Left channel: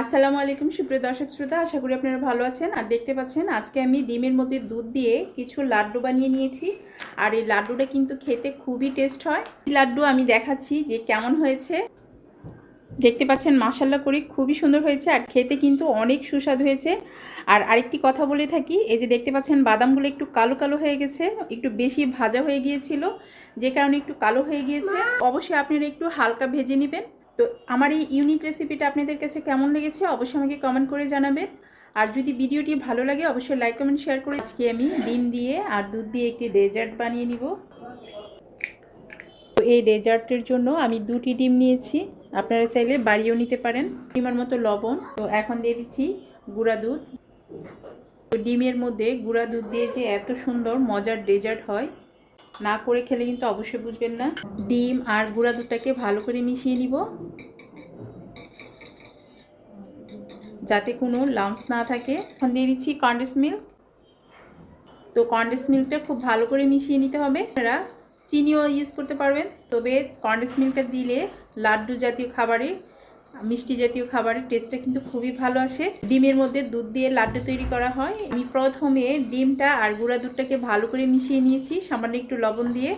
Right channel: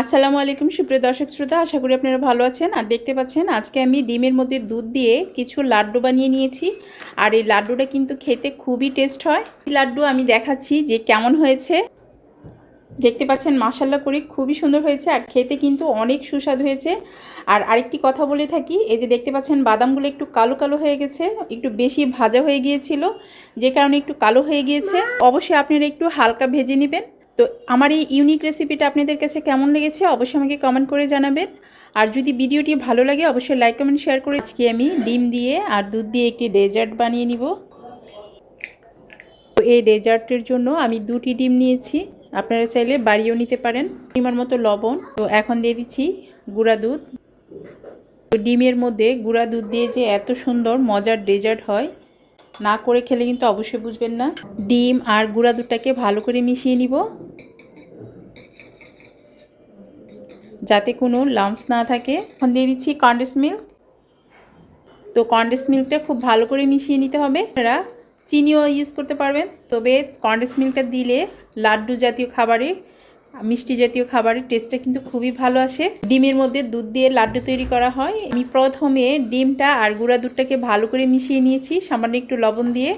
আসসালামু আলাইকুম, সুপ্রিয় দর্শক শ্রোতা, আশা করি আপনারা ভালো আছেন। আর দেখতে পাচ্ছেন, আজকে আমি ডিমের মধ্যে দুধ দিয়ে কিছু লাড্ডু বানিয়ে নিয়েছি। আর এই লাড্ডুটা কিন্তু খেতে খুবই টেস্ট হয়। লাড্ডু আমি দেখাচ্ছি যে কেমন হয়েছে। দেখতে পাচ্ছেন মাসাল্লা করে খুবই সুন্দর হয়েছে আর খেতে কিন্তু অনেক সুস্বাদু হয়েছে। আর আরেকটি কথা বলে থাকি, এই যে দেখতে পাচ্ছেন, বাদামগুলো একটু কালো কালো হয়ে গেছে, একটু বেশি ভাজা হয়ে গিয়েছিল, যে কারণে একটু কালো হয়ে গিয়েছে। অবশ্যই আপনারা একটু হালকা ভেজে নেবেন। তো আমার এই ইউনিক রেসিপিটা আপনাদের কাছে কেমন লেগেছে অবশ্যই আমাকে কমেন্ট করে জানাবেন। আর যদি ভিডিওটি ভালো লাগে, অবশ্যই লাইক কমেন্ট শেয়ার করে আজকে আমি ডিম দিয়ে আর দুধ দিয়ে একটি ডেজার্ট বানিয়ে নিব। তো এই ডেজার্টের জন্য আমি দুটি ডিম নিয়েছি। আপনারা চাইলে বাড়িও নিতে পারেন। ডিমের মতো লবণ। তো এখন দিয়ে দিচ্ছি গুঁড়া দুধ। তো ডিমের মধ্যে গুঁড়া দুধ দিয়ে যে এত সুন্দর, মজার ডেজার্ট হয়, না করে খেলে কিন্তু অবশ্যই বুঝবেন না। ডিম আর গুঁড়া দুধটাকে ভালো করে মিশিয়ে নিব। যাতে কোনো লাম্পস না থাকে। এখন দিয়ে দিচ্ছি কন্ডেন্স মিল্ক তো কন্ডেন্স মিল্কটা খুব ভালো করে মিশিয়ে নিতে হবে। আপনারা চিনিও ইউজ করতে পারবেন। তবে কন্ডেন্স মিল্কটা দিলে লাড্ডু জাতীয় খাবারে, মিষ্টি জাতীয় খাবারের টেস্টটা কিন্তু খুবই ভালো আসে। ডিমের মধ্যে দুধ দিয়ে লাড্ডু তৈরি করা হয়। আমি প্রথমে ডিমটা আর গুঁড়া দুধটাকে ভালো করে মিশিয়ে নিয়েছি। সামান্য একটু লবণ দিয়ে।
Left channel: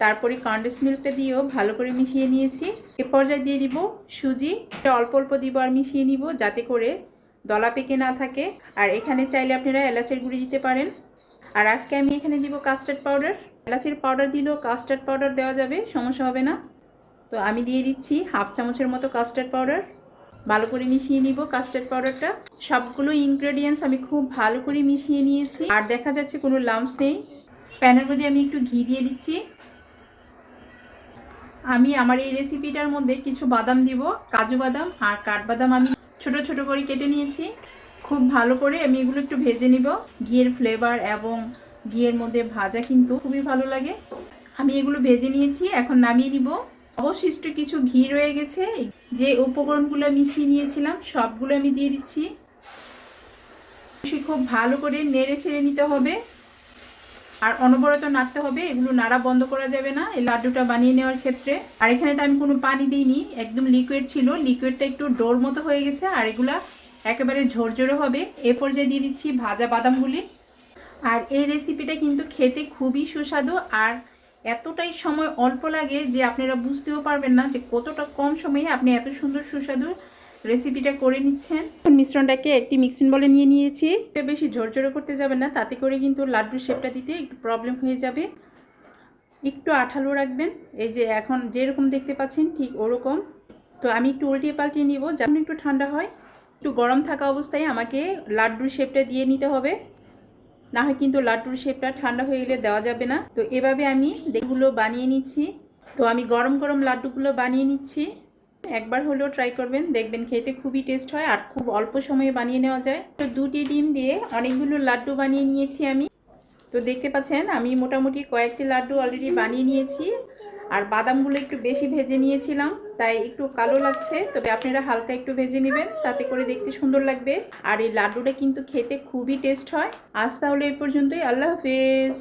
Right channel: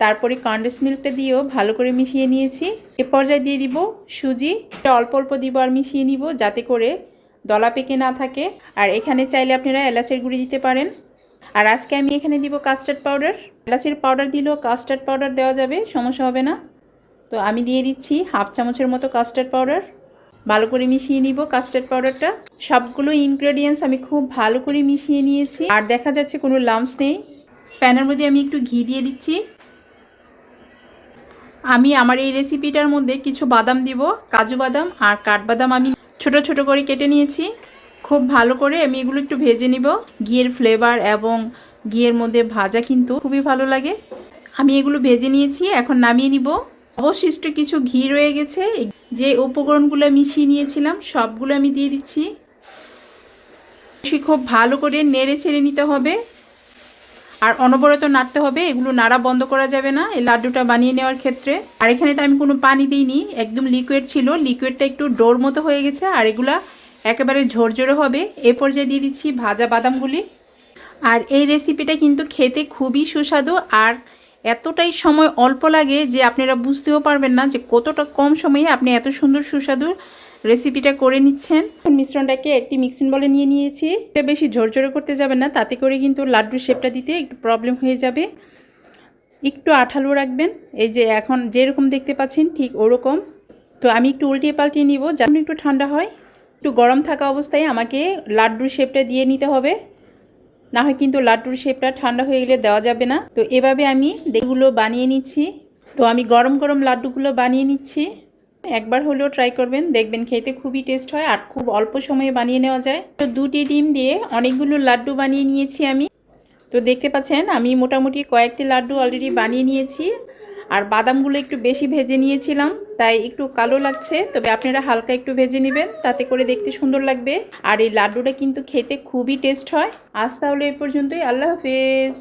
তারপরে কন্ডেন্স মিল্কটা দিয়েও ভালো করে মিশিয়ে নিয়েছি। এ পর্যায়ে দিয়ে দিব সুজি। এটা অল্প অল্প দিব আর মিশিয়ে নিব যাতে করে দলা পেকে না থাকে। আর এখানে চাইলে আপনারা এলাচের গুঁড়ি দিতে পারেন। আর আজকে আমি এখানে দিব কাস্টার্ড পাউডার এলাচের পাউডার দিলেও কাস্টার্ড পাউডার দেওয়া যাবে, সমস্যা হবে না। তো আমি দিয়ে দিচ্ছি হাফ চামচের মতো কাস্টার্ড পাউডার ভালো করে মিশিয়ে নিব কাস্টার্ড পাউডারটা সবগুলো ইনগ্রেডিয়েন্টস আমি খুব ভালো করে মিশিয়ে নিয়েছি। আর দেখা যাচ্ছে কোনো লাম্পস নেই। প্যানের মধ্যে আমি একটু ঘি দিয়ে দিচ্ছি। আমি আমার এই রেসিপিটার মধ্যে কিছু বাদাম দিব, কাজু বাদাম আর কাঠবাদাম আমি ছোট ছোট করে কেটে নিয়েছি। খুব ভালো করে আমি এগুলো একটু ভেজে নিব। ঘিয়ের ফ্লেভার এবং ঘিয়ের মধ্যে ভাজা কিন্তু খুবই ভালো লাগে। আমি এগুলো ভেজে নিয়েছি, এখন নামিয়ে নিব। অবশিষ্ট কিছু ঘি রয়ে গেছে। যে উপকরণগুলো মিশিয়ে নিয়েছিলাম, সবগুলো আমি দিয়ে দিচ্ছি। খুব ভালো করে নেড়ে ছেড়ে নিতে হবে। আর অনবরত নাড়তে হবে, এগুলো নাড়া বন্ধ করা যাবে না, এই লাড্ডুটা বানিয়ে নেওয়ার ক্ষেত্রে। আর এখানে তো আমি কোনো পানি দিইনি, একদম লিকুইড ছিল লিকুইডটা একটু ডোর মতো হয়ে গেছে, আর এগুলা একেবারে ঝরঝরে হবে। এ পর্যায়ে দিয়ে দিচ্ছি ভাজা বাদামগুলি। আর এই রেসিপিটা কিন্তু খেতে খুবই সুস্বাদু, আর এতটাই সময় অল্প লাগে যে আপনারা বুঝতেও পারবেন না যে কতটা কম সময়ে আপনি এত সুন্দর সুস্বাদু রেসিপিটা করে নিচ্ছেন। মিশ্রণটাকে একটি মিক্সিং বলে নিয়ে নিয়েছি। এটা বেশি ঝরঝরে করতে যাবে না, তাতে করে কিন্তু লাড্ডুর শেপটা দিতে একটু প্রবলেম হয়ে যাবে। একটু আঠালো রাখবেন। এই যে এখন যেরকম দেখতে পাচ্ছেন, ঠিক ওরকম। তো আমি একটু উল্টিয়ে পাল্টিয়ে নিব, যেমন একটু ঠান্ডা হয়। একটু গরম থাকা অবস্থায় আমাকে লাড্ডুর শেপটা দিয়ে নিতে হবে। না হয় কিন্তু লাড্ডুর শেপটা ঠান্ডা হয়ে গেলে দেওয়া যাবে না। তো এভাবে আমি এগুলো বানিয়ে নিচ্ছি। তো আমি গরম গরম লাড্ডুগুলো বানিয়ে নিচ্ছি। একবার হলেও ট্রাই করবেন। দেখবেন খেতে খুবই টেস্ট হয় আর খুব অল্প সময়ে বানিয়ে নেওয়া যায়। তো দুটি ডিম দিয়ে অনেকগুলো লাড্ডু বানিয়ে নিয়েছি আমি। তো দেখতে পাচ্ছেন, আমি মোটামুটি কয়েকটি লাড্ডু অলরেডি বানিয়ে নিয়েছি আর বাদামগুলো একটু বেশি ভেজে নিয়েছিলাম, তাই একটু কালো লাগছে। তবে আপনারা হালকা একটু ভেজে নেবেন, তাতে করে দেখতে সুন্দর লাগবে। আর এই লাড্ডুটা কিন্তু খেতে খুবই টেস্ট হয়। আজ তাহলে এই পর্যন্তই, আল্লাহ হাফেজ।